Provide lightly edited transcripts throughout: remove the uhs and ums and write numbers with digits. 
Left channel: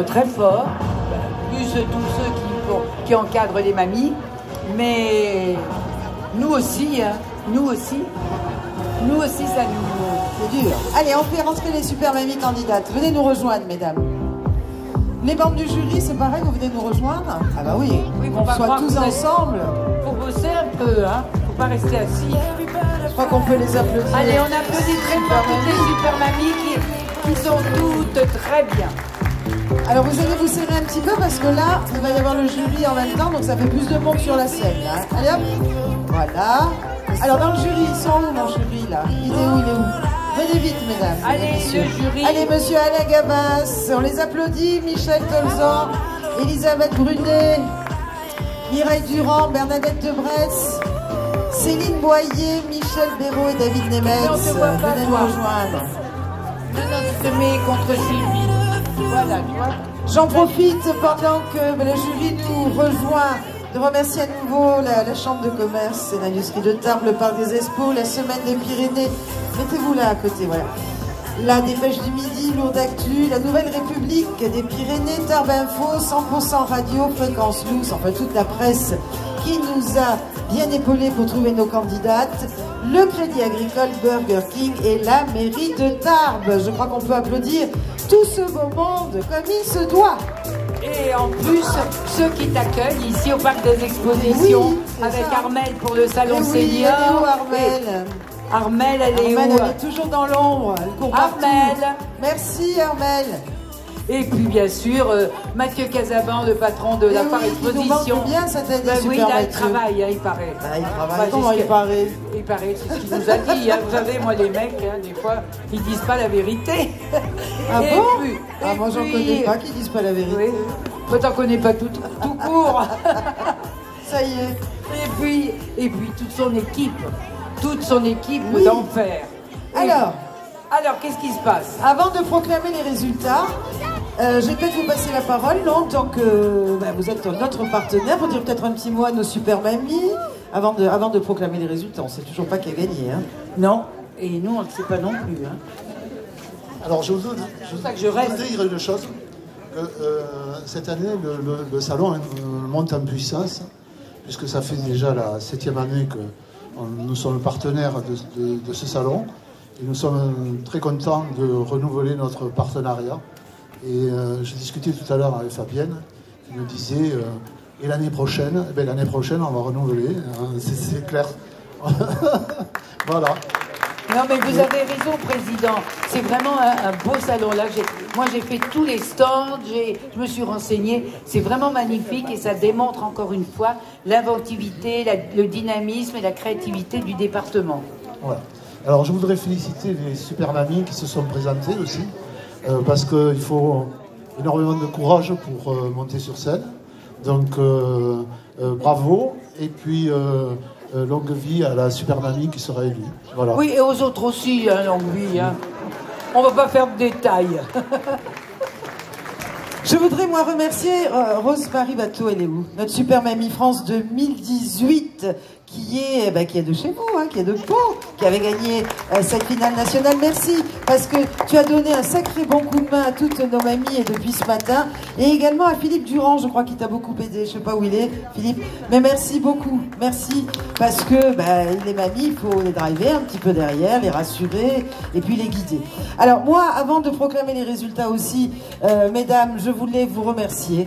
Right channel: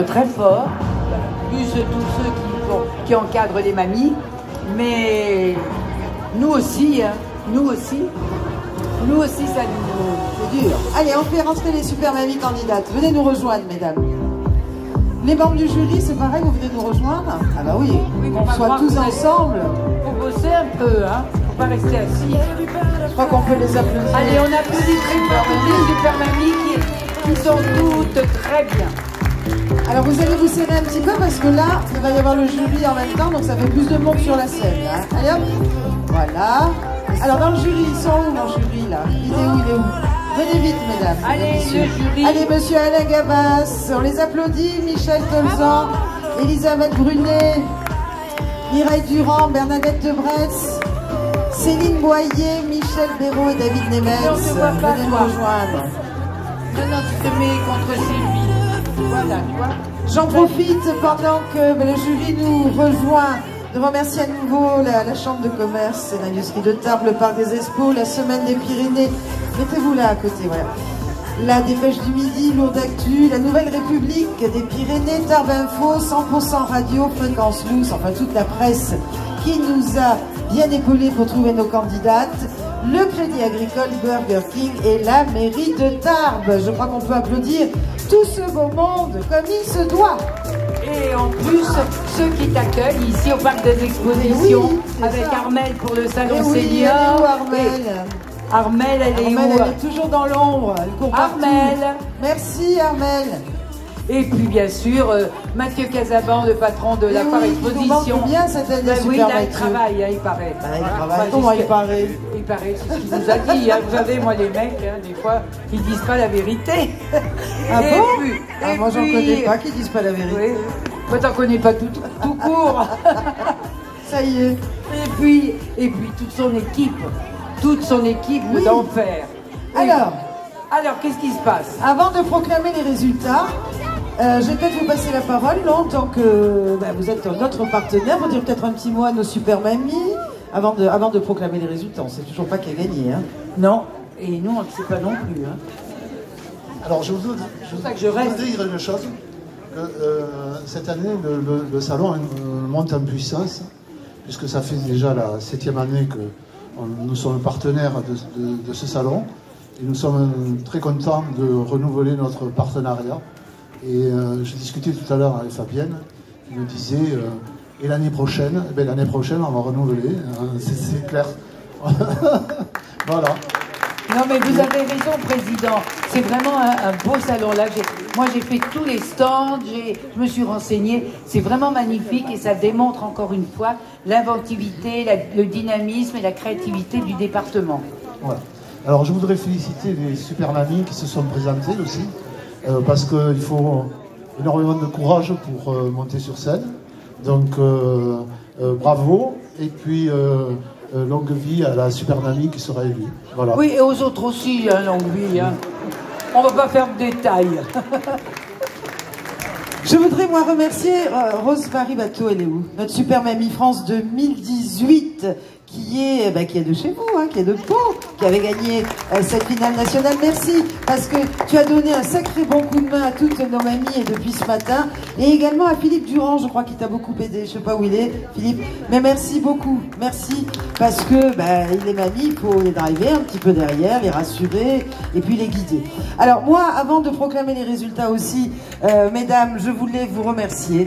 être très forts, plus tous ceux qui encadrent les mamies, mais nous aussi, hein, nous aussi, ça nous... C'est dur. Allez, on fait rentrer les super mamies candidates. Venez nous rejoindre, mesdames. Les membres du jury, c'est pareil, vous venez nous rejoindre? Ah bah oui, on soit tous ensemble. Faut bosser un peu, hein, faut pas rester assis. Je crois qu'on peut les applaudir. Allez, on applaudit très fort les super mamies qui sont toutes très bien. Alors vous allez vous serrer un petit peu parce que là, il va y avoir le jury en même temps, donc ça fait plus de monde sur la scène. Hein. Allez hop, voilà. Alors dans le jury, ils sont où mon jury là? Il est où? Venez vite mesdames. Allez, le jury. Allez monsieur Alain Gabas, on les applaudit. Michel Tolzan, Elisabeth Brunet, Mireille Durand, Bernadette Debresse, Céline Boyer, Michel Béraud et David Nemetz. Venez nous rejoindre. Maintenant tu te mets contre Sylvie. Voilà, tu vois. J'en profite pendant que le jury nous rejoint de remercier à nouveau la Chambre de commerce et d'industrie de Tarbes, le Parc des Expos, la Semaine des Pyrénées. Mettez-vous là à côté, ouais. La Dépêche du Midi, Lourdes Actu, la Nouvelle République des Pyrénées, Tarbes Info, 100% Radio, Fréquence Loose, enfin toute la presse qui nous a bien épaulés pour trouver nos candidates, le Crédit Agricole, Burger King et la mairie de Tarbes. Je crois qu'on peut applaudir tout ce beau monde comme il se doit. Et en plus, ceux qui t'accueillent ici au Parc des Expositions, oui, avec ça. Armelle pour le salon Oui, senior. Armelle. Armelle, elle est où? Elle est toujours dans l'ombre, elle court partout. Armelle. Merci Armelle. Et puis bien sûr, Mathieu Casabon, le patron de la Part Exposition. Bien cette année, oui, là, il travaille, hein, il paraît. Ah, il travaille. Comment il paraît? Il paraît, c'est ce qu'il nous a dit. Hein. Vous savez, moi, les mecs, hein, des fois, ils disent pas la vérité. Ah bon? Moi, j'en puis, connais pas qui disent pas la vérité. Oui. Moi, t'en connais pas tout court. Ça y est. Et puis toute son équipe oui. d'enfer. Alors, qu'est-ce qui se passe? Avant de proclamer les résultats, je vais peut-être vous passer la parole, non, en tant que vous êtes notre partenaire, vous dire peut-être un petit mot à nos super mamies, avant de proclamer les résultats. On ne sait toujours pas qui a gagné, hein. Non, et nous, on ne sait pas non plus. Hein. Alors, je voudrais dire une chose, que cette année, le salon monte en puissance, puisque ça fait déjà la 7e année que nous sommes partenaires de ce salon, et nous sommes très contents de renouveler notre partenariat. Et je discutais tout à l'heure avec Fabienne, qui me disait, et l'année prochaine, on va renouveler, c'est clair. Voilà. Non mais vous avez raison, Président, c'est vraiment un beau salon là. Moi j'ai fait tous les stands, je me suis renseignée, c'est vraiment magnifique et ça démontre encore une fois l'inventivité, le dynamisme et la créativité du département. Voilà. Alors je voudrais féliciter les super mamies qui se sont présentées aussi, parce qu'il faut énormément de courage pour monter sur scène. Donc bravo, et puis longue vie à la super mamie qui sera élue. Voilà. Oui, et aux autres aussi, hein, longue vie. Hein. On ne va pas faire de détails. Je voudrais moi remercier Rose Paris-Bateau, elle est où? Notre Super Mamie France 2018, qui est de chez vous, hein, qui est de Pau, qui avait gagné cette finale nationale. Merci, parce que tu as donné un sacré bon coup de main à toutes nos mamies depuis ce matin, et également à Philippe Durand, je crois qu'il t'a beaucoup aidé, je sais pas où il est, Philippe, mais merci beaucoup, merci, parce que les mamies, il faut les driver un petit peu derrière, les rassurer, et puis les guider. Alors moi, avant de proclamer les résultats aussi, mesdames, je voulais vous remercier.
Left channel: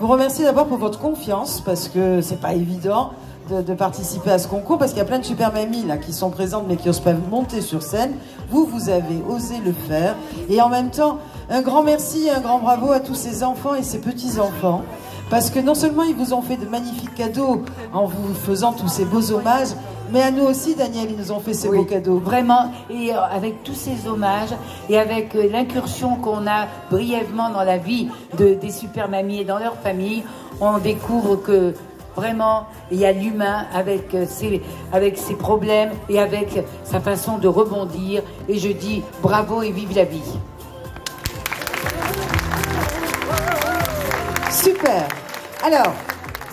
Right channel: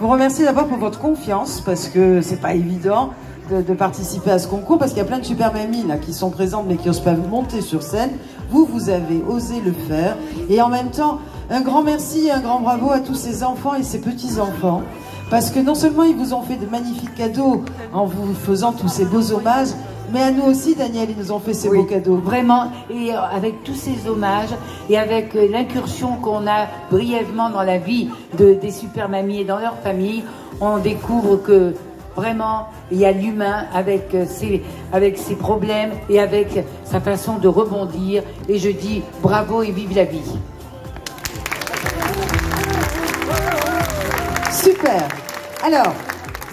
Vous remercier d'abord pour votre confiance, parce que c'est pas évident de participer à ce concours, parce qu'il y a plein de super mamies là qui sont présentes mais qui n'osent pas monter sur scène. Vous avez osé le faire, et en même temps un grand merci, un grand bravo à tous ces enfants et ces petits enfants, parce que non seulement ils vous ont fait de magnifiques cadeaux en vous faisant tous ces beaux hommages, mais à nous aussi, Daniel, ils nous ont fait ces beaux cadeaux. Vraiment, et avec tous ces hommages, et avec l'incursion qu'on a brièvement dans la vie des super mamies et dans leur famille, on découvre que vraiment, il y a l'humain avec ses problèmes et avec sa façon de rebondir. Et je dis bravo et vive la vie. Super. Alors,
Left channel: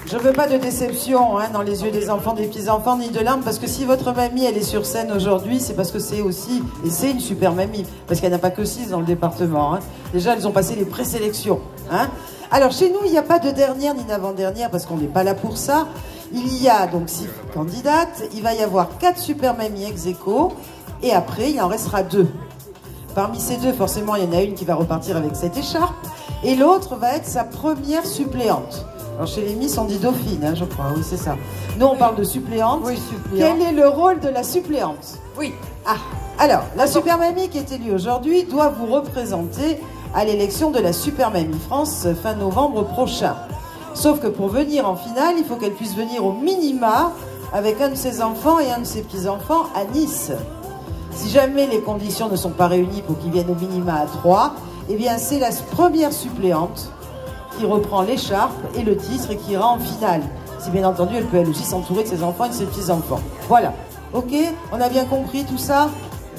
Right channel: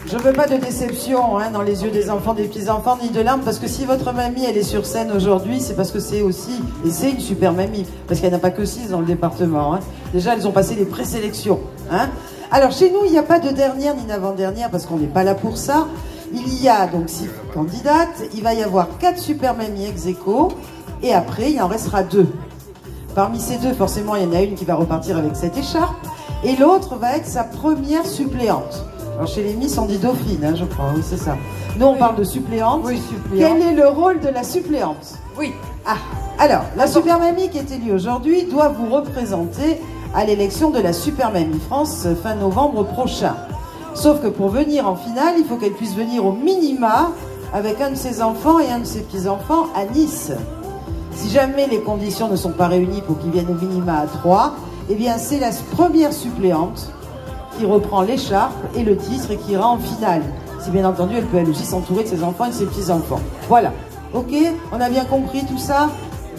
Je veux pas de déception hein, dans les yeux des enfants, des petits-enfants, ni de larmes, parce que si votre mamie, elle est sur scène aujourd'hui, c'est parce que c'est aussi, et c'est une super mamie, parce qu'elle n'a pas que 6 dans le département. Hein. Déjà, elles ont passé les présélections. Hein. Alors, chez nous, il n'y a pas de dernière ni d'avant-dernière, parce qu'on n'est pas là pour ça. Il y a donc 6 candidates, il va y avoir 4 super mamies ex aequo, et après, il en restera 2. Parmi ces 2, forcément, il y en a une qui va repartir avec cette écharpe, et l'autre va être sa première suppléante. Alors chez les Miss, on dit dauphine, hein, je crois, oui c'est ça. Nous on parle de suppléante. Oui, suppléante. Quel est le rôle de la suppléante? Oui. Ah, alors, la Super Mamie qui est élue aujourd'hui doit vous représenter à l'élection de la Super Mamie France fin novembre prochain. Sauf que pour venir en finale, il faut qu'elle puisse venir au minima avec un de ses enfants et un de ses petits-enfants à Nice. Si jamais les conditions ne sont pas réunies pour qu'ils viennent au minima à 3, eh bien c'est la première suppléante qui reprend l'écharpe et le titre et qui ira en finale. Si bien entendu, elle peut elle aussi s'entourer de ses enfants et de ses petits-enfants. Voilà. Ok? On a bien compris tout ça?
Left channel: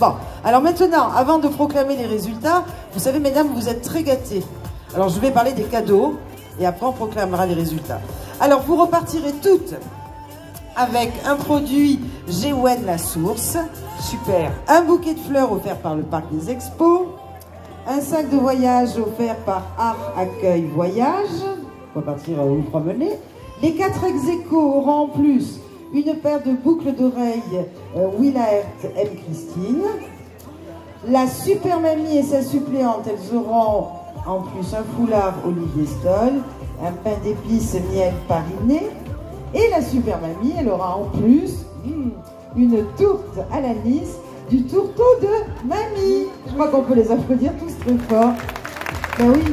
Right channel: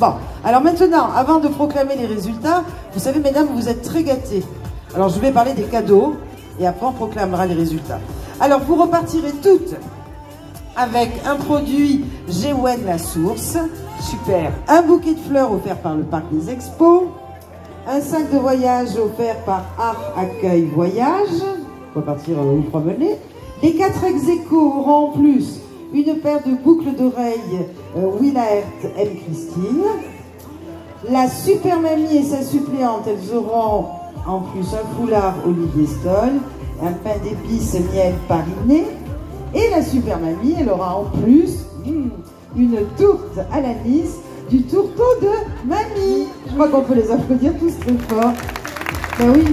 Bon. Alors maintenant, avant de proclamer les résultats, vous savez, mesdames, vous êtes très gâtées. Alors je vais parler des cadeaux et après on proclamera les résultats. Alors vous repartirez toutes avec un produit Géwen La Source. Super. Un bouquet de fleurs offert par le Parc des Expos. Un sac de voyage offert par Art Accueil Voyage. On va partir vous promener. Les 4 ex aequo auront en plus une paire de boucles d'oreilles Willaert M. Christine. La Super Mamie et sa suppléante, elles auront en plus un foulard Olivier Stoll, un pain d'épices miel Pariné. Et la Super Mamie, elle aura en plus une tourte à l'anis du tourteau de Mamie. Je crois qu'on peut les applaudir tous très fort. Ben oui.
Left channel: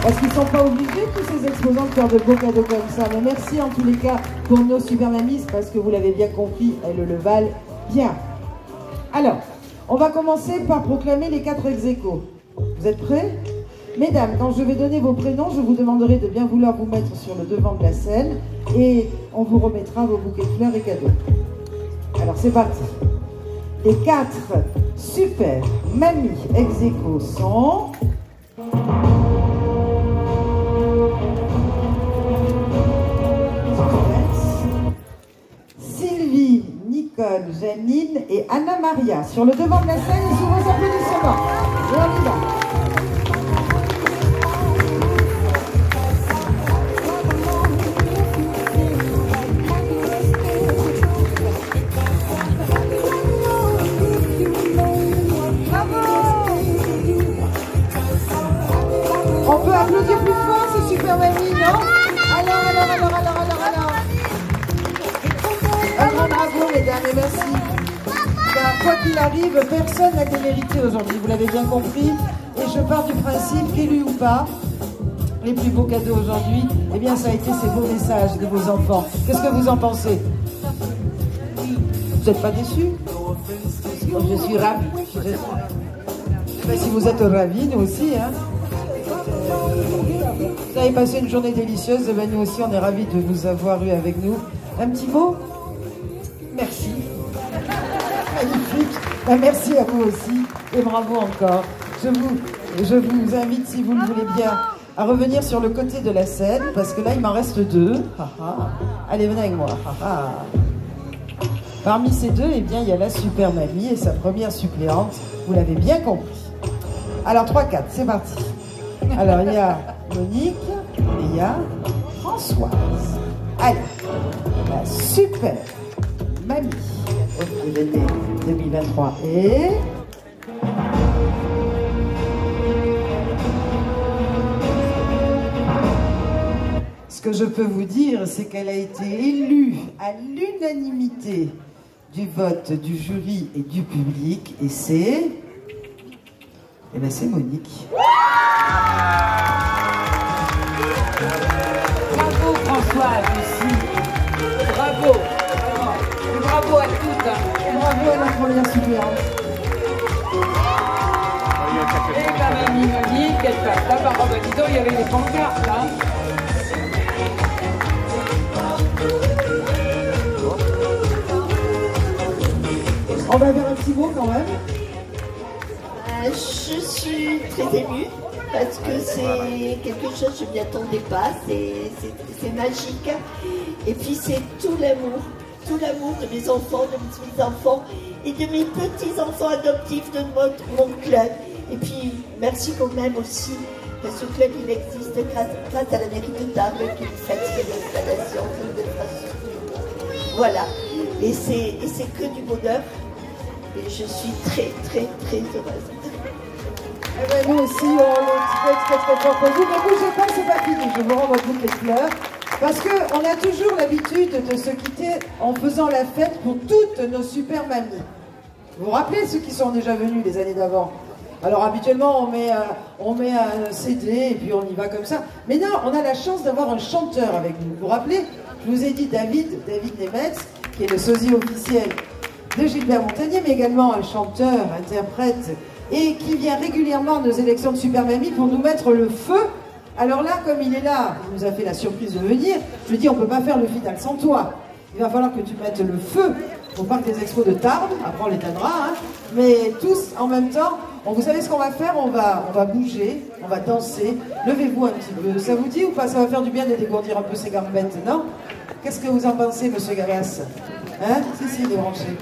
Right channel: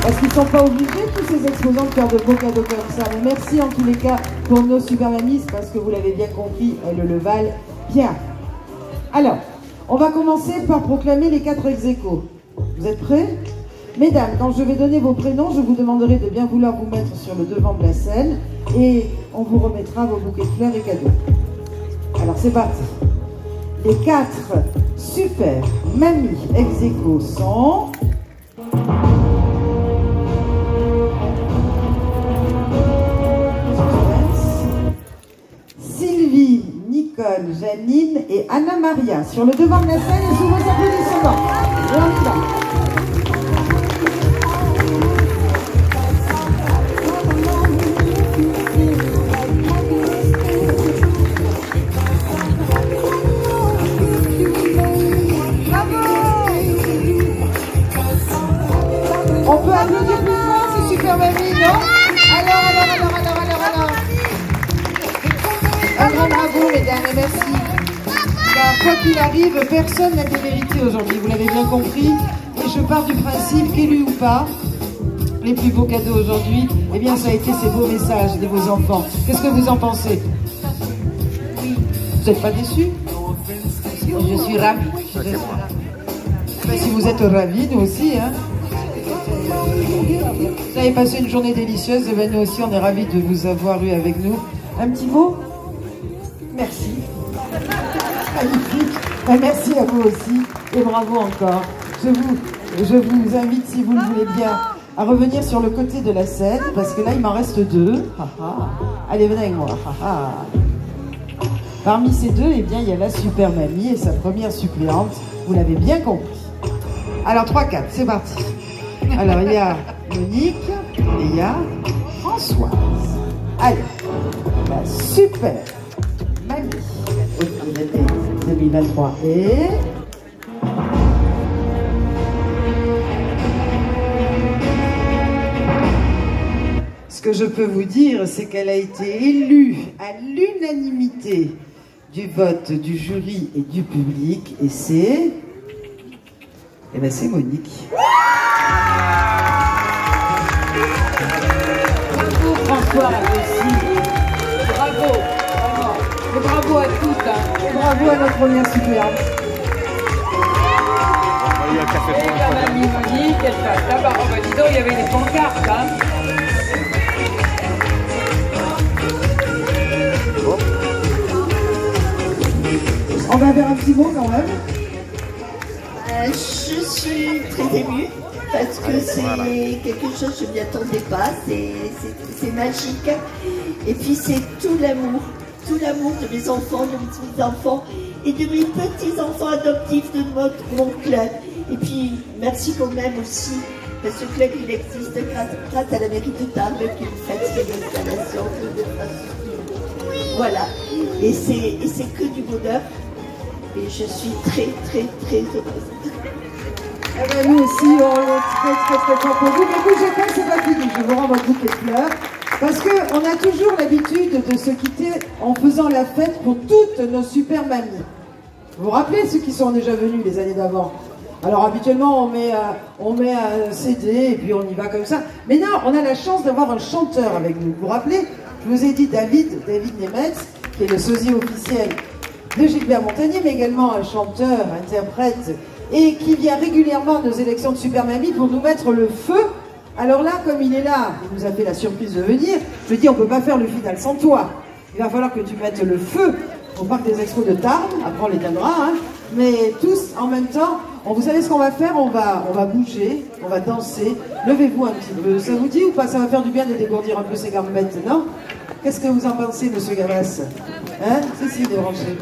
Parce qu'ils ne sont pas obligés, tous ces exposants, de faire de beaux cadeaux comme ça. Mais merci en tous les cas pour nos Super Mamies, parce que vous l'avez bien compris, elles le valent bien. Alors, on va commencer par proclamer les 4 ex aequo. Vous êtes prêts? Mesdames, quand je vais donner vos prénoms, je vous demanderai de bien vouloir vous mettre sur le devant de la scène et on vous remettra vos bouquets de fleurs et cadeaux. Alors c'est parti. Les 4 super mamies ex aequo sont... Sylvie, Nicole, Janine et Anna Maria. Sur le devant de la scène et sous vos applaudissements. Et on y va. Merci. Car quoi qu'il arrive, personne n'a démérité aujourd'hui, vous l'avez bien compris. Et je pars du principe qu'élus ou pas, les plus beaux cadeaux aujourd'hui, eh bien ça a été ces beaux messages de vos enfants. Qu'est-ce que vous en pensez? Vous n'êtes pas déçus? Je suis ravie. Si vous êtes ravis, nous aussi. Hein. Vous avez passé une journée délicieuse, et bien nous aussi on est ravis de vous avoir eu avec nous. Un petit mot? Merci. Magnifique. Ben, merci à vous aussi et bravo encore. Je vous invite, si vous le voulez bien, à revenir sur le côté de la scène parce que là il m'en reste 2. Allez, venez avec moi. Parmi ces 2, eh bien, il y a la Super Mamie et sa première suppléante. Vous l'avez bien compris. Alors 3-4, c'est parti. Alors il y a Monique et il y a Françoise. Allez, la Super Mamie 2023 et... Ce que je peux vous dire, c'est qu'elle a été élue à l'unanimité du vote du jury et du public, et c'est... Eh bien, c'est Monique. Bravo Françoise aussi. Bravo. Et bravo à toutes. Hein. Bravo à la première suppléante. Et la mamie Monique, là-bas, dis donc, il y avait des pancartes. Hein. On va faire un petit mot quand même. Je suis très émue parce que c'est quelque chose, je ne m'y attendais pas, c'est magique. Et puis c'est tout l'amour de mes enfants, de mes petits-enfants et de mes petits-enfants adoptifs de mon club. Et puis merci quand même aussi, parce que ce club il existe grâce à la mairie de Tarbes qui me fait l'installation de voilà. Et c'est que du bonheur. Et je suis très, très, très heureuse. Eh ben, nous aussi, on est très, très, très contents pour vous. Mais bougez pas, c'est pas fini. Je vous rends un bouquet de fleurs. Parce qu'on a toujours l'habitude de se quitter en faisant la fête pour toutes nos super mamies. Vous vous rappelez ceux qui sont déjà venus les années d'avant? Alors habituellement, on met un CD et puis on y va comme ça. Mais non, on a la chance d'avoir un chanteur avec nous. Vous vous rappelez? Je vous ai dit David Nemetz, qui est le sosie officiel de Gilbert Montagnier, mais également un chanteur, interprète, et qui vient régulièrement à nos élections de Super Mamie pour nous mettre le feu. Alors là, comme il est là, il nous a fait la surprise de venir, je dis on ne peut pas faire le final sans toi. Il va falloir que tu mettes le feu au parc des expos de Tarbes, après on l'éteindra, hein, mais tous en même temps. Vous savez ce qu'on va faire? On va bouger, on va danser. Levez-vous un petit peu. Ça vous dit ou pas? Ça va faire du bien de dégourdir un peu ses gambettes, non? Qu'est-ce que vous en pensez, monsieur Gabas? Hein? Si, débranché.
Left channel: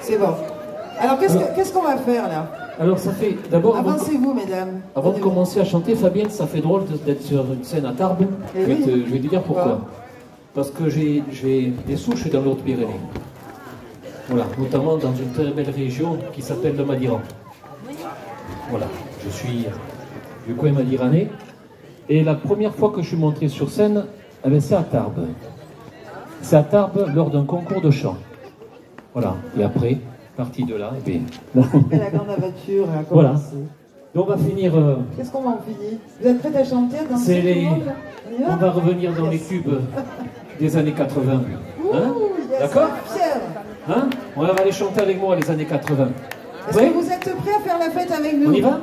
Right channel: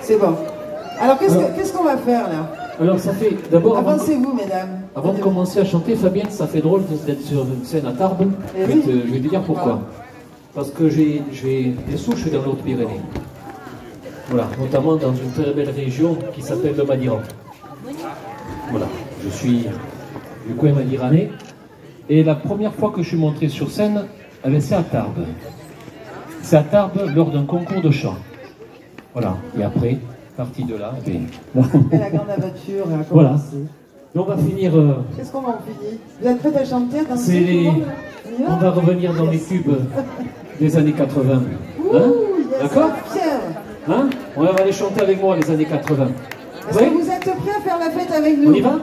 C'est bon. Alors, qu'est-ce qu'on va faire, là? Alors, ça fait d'abord... Avancez-vous, mesdames. Avant de commencer à chanter, Fabienne, ça fait drôle d'être sur une scène à Tarbes. Je vais te dire pourquoi. Parce que j'ai des souches dans l'Haute-Pyrénées. Voilà, notamment dans une très belle région qui s'appelle le Madiran. Voilà, je suis du coin madiranais. Et la première fois que je suis monté sur scène, c'est à Tarbes. C'est à Tarbes lors d'un concours de chant. Voilà, et après, parti de là, la grande aventure a commencé. Voilà. Donc on va finir... Qu'est-ce qu'on va en finir? Vous êtes prêts à chanter, à danser? On va revenir dans les tubes des années 80. Hein? D'accord? Hein? On va aller chanter avec moi les années 80. Est-ce que vous êtes prêts à faire la fête avec nous? On y va?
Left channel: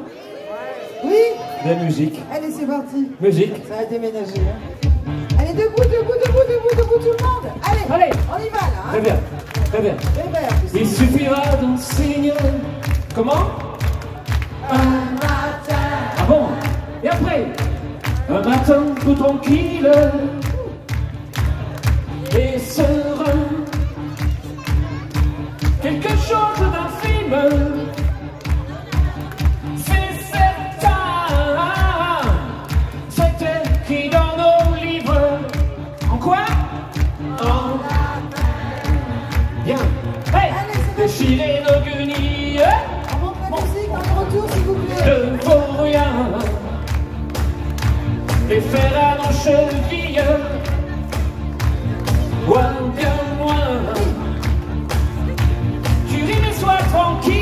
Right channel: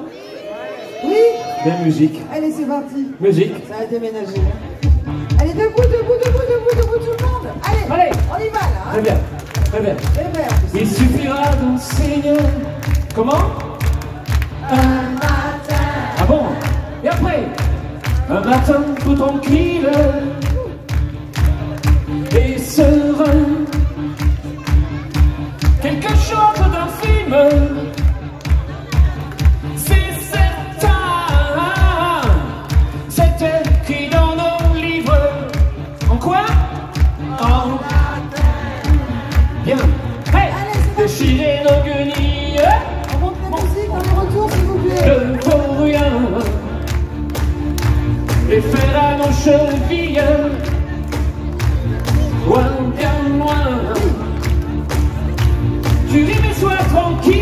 Oui? La musique. Allez, c'est parti. Musique. Ça va déménager. Hein. Allez, debout, tout le monde. Allez, on y va là. Hein. Très bien, très bien. Il suffira d'un signe. Comment? Un matin. Ah bon? Et après? Un matin tout tranquille et serein. Quelque chose d'un film. C'est certain. C'est écrit dans nos livres. En quoi? En latin. Bien. Hey. Déchirer nos guenilles. On monte la musique, on est retour s'il vous plaît. Ne vaut rien. Les faire à nos chevilles. Loin, bien loin. Tu ris mais sois tranquille.